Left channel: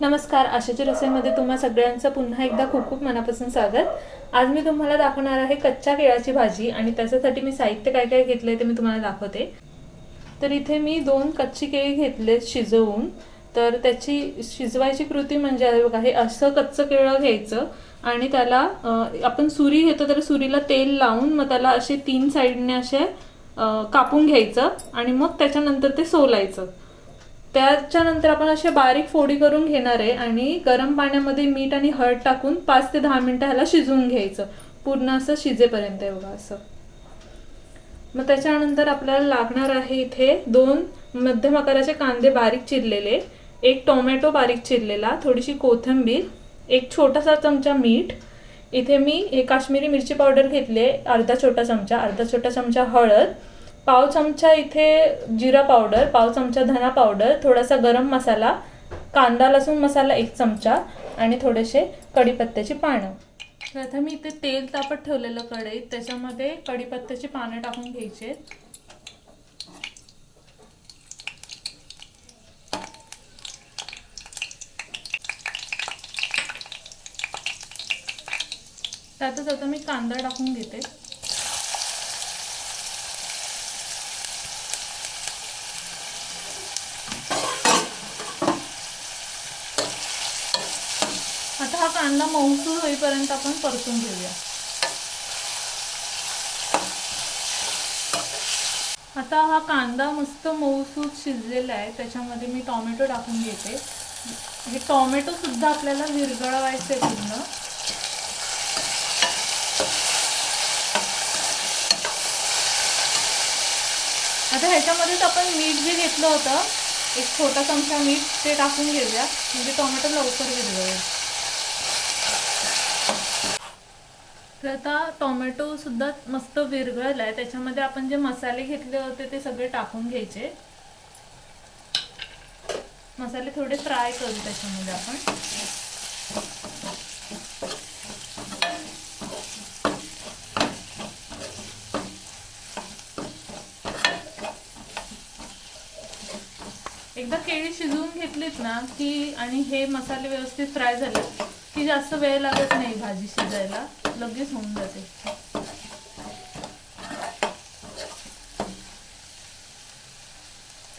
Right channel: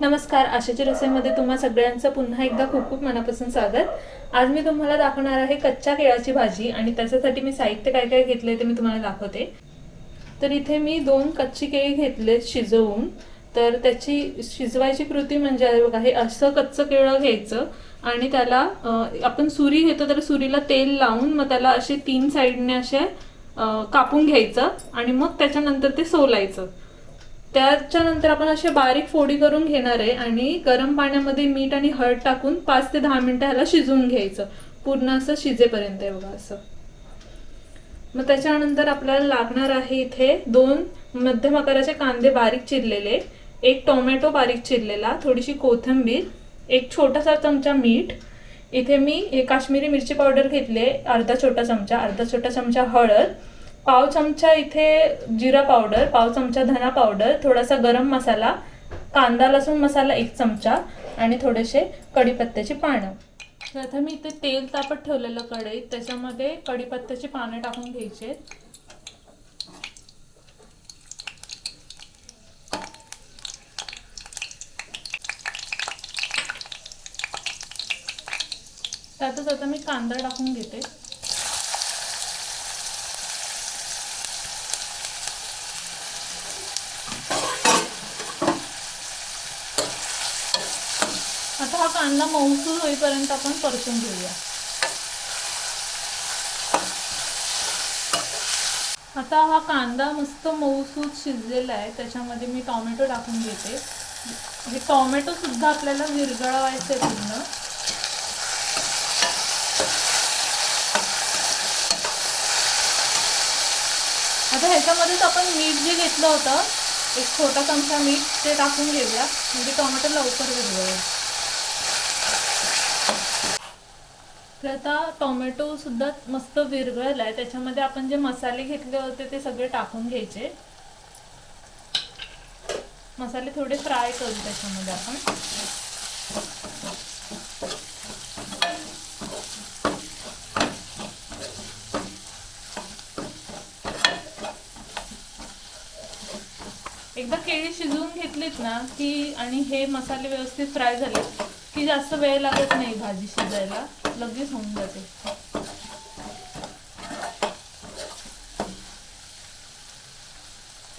नमस्कार आशाची रसोईमध्ये तुम्हा सगळ्यांचं पुन्हा एकदा खूप खूप मनापासून स्वागत. आज मी तुम्हाला दाखवणार आहे कच्च्या केळाची भाजी आणि त्याच्यासाठी मी साहित्य काय काय घेतलंय ते मी तुम्हाला दाखवते. तर इथे मी दोन कच्ची केळी घेतले शिजवून. तर त्याची शिजवायची कृती म्हणजे बघा हे असं कच्चं केळं घ्यायचं आणि त्याला आपण सुरी घेतो तर सुरीला तेल लावून मग त्याला असे तीन साईडने असे कापून घ्यायचं आणि मग त्याच्यानंतर ते सोलायचं. त्याच्यानंतर आपण अशा बारीक फोडी करून घेणार आहे आणि गरम पाण्यामध्ये मीठ आणि हळद टाकून पाच ते दहा मिनिटं ह्याला शिजवून घ्यायचं. पूर्ण असं शिजेपर्यंत आहे बघा असं. मग त्याच्यानंतर आपल्याला लागणार आहे इथे दोन मध्यम आकाराचे कांदे बारीक चिरलेले. एक टोमॅटो बारीक चिरलेला थोडीशी कोथिंबीर एक छोटासा चमचा मीठ. इथे मी हे काश्मीरी मिरची पावडर घेतले अर्धा छोटा चमचा अर्धा छोटा चमचा हळद. पाव चमचा इथे जिरा पावडर पाव चमचा धना पावडर थोडासा गरम मसाला कांदा लसूण मसाला एक चमचा आणि थोडेसे कढीपत्त्याची पानं. प्रथम मी इथे तेल तापत ठेवलेलं कढईत त्याच्यामध्ये कढीपत्त्याची पानं टाकून घ्यायचे त्यातच आता मी कांदा टाकून घेते. हा कांदा मऊसूर होईपर्यंत आपण परतून घेऊया. आता हा कांदा मस्त मऊसूर शिजलेला आहे त्याच्यामध्ये मी टोमॅटो टाकून घेते. हे टोमॅटो सुद्धा आपल्याला विरघळवायचे आहे पूर्ण. आता ह्याच्यामध्येच आपण मीठ जे घेतलं होतं एक छोटा चमचा मीठ ते टाकून घेऊया. म्हणजे टोमॅटो लवकर विरगळेल तर आता टोमॅटो सुद्धा मस्त विरघळला आहे त्याच्यामध्ये आपण जे मसाले घेतले होते ते सगळे टाकून घ्यायचे. मसाले थोडे फ्राय करू त्याच्यामध्ये आपण. एकदा केळी शिजवून घेतलीत ना की आणि हे मसाले व्यवस्थित फ्राय झाले की जास्त वेळ लागत नाही भाजी शिजायला. लगेच होऊन जाते.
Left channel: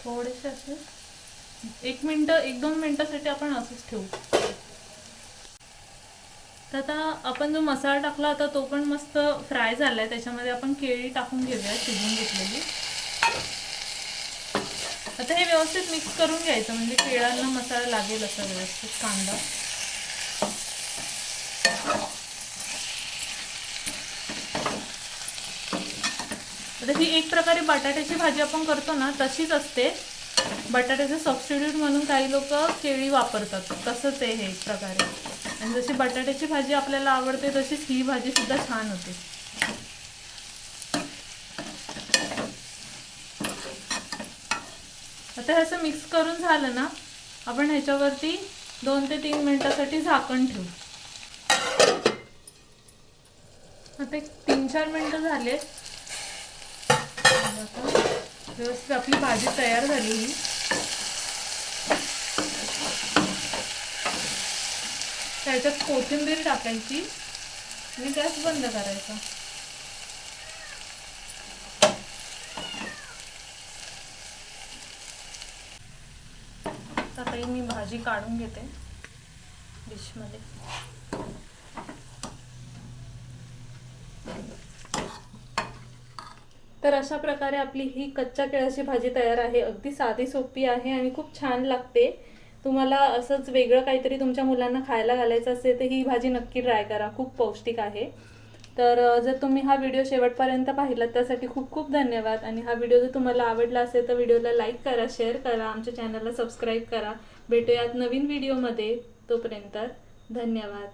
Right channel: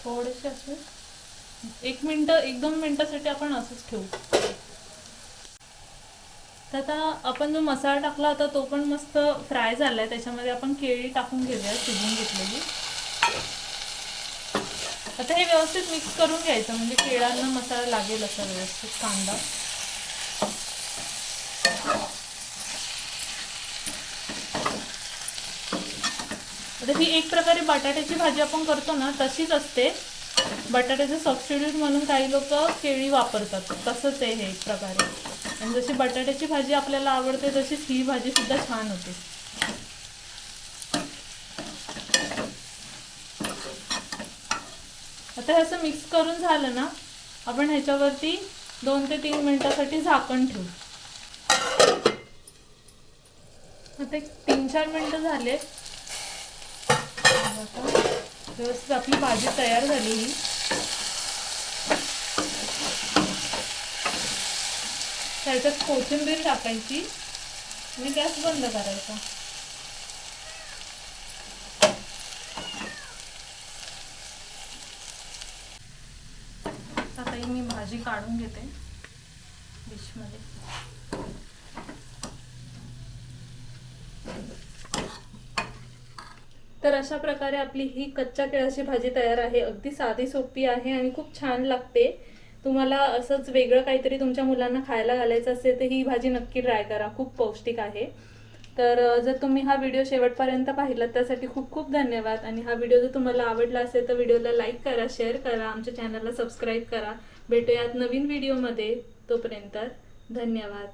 थोडेसे असे. एक मिनिट एक दोन मिनिटासाठी आपण असंच ठेवू. तर आता आपण जो मसाला टाकला होता तो पण मस्त फ्राय झालाय. त्याच्यामध्ये आपण केळी टाकून घेऊया शिजून घेतलेली. आता हे व्यवस्थित मिक्स करून घ्यायचं. म्हणजे केळांना मसाला लागेल असं व्यवस्थित कांदा. जशी एक प्रकारे बटाट्याची भाजी आपण करतो ना तशीच असते. बटाट्याचं सबस्टिट्यूट म्हणून काही लोक केळी वापरतात. तसंच आहे हे एक प्रकारे. आणि जशी बटाट्याची भाजी आपल्याला आवडते तशीच ही भाजी सुद्धा छान होते. आता हे असं मिक्स करून झालं ना आपण ह्याच्यावरती दोन ते तीन मिनिटासाठी झाकण ठेवू. आता एक तीन चार मिनटं झाले. व्यवस्थित आपली भाजी तयार झाली. ही त्याच्यात कोथिंबीर टाकायची आणि गॅस बंद करायचा. आता मी भाजी काढून घेते डिशमध्ये. तर अशा प्रकारे आपली ही कच्च्या केळाची भाजी तयार आहे. अगदी साधी सोपी आहे आणि खूप छान लागते. तुम्हाला असंच वेगळं काहीतरी तुमच्या मुलांना खायला घालायचं असेल तर ही भाजी नक्की ट्राय करा. खूप पौष्टिक आहे. तर जर तुम्ही हा व्हिडिओ शेवटपर्यंत पाहिला त्यासाठी खूप खूप धन्यवाद. आणि हा व्हिडिओ जर तुम्हाला आवडला असेल तर व्हिडिओला लाईक करा शेअर करा आमच्या चॅनलला सबस्क्राईब करा. भेटूयात नवीन व्हिडिओमध्ये तोपर्यंत धन्यवाद.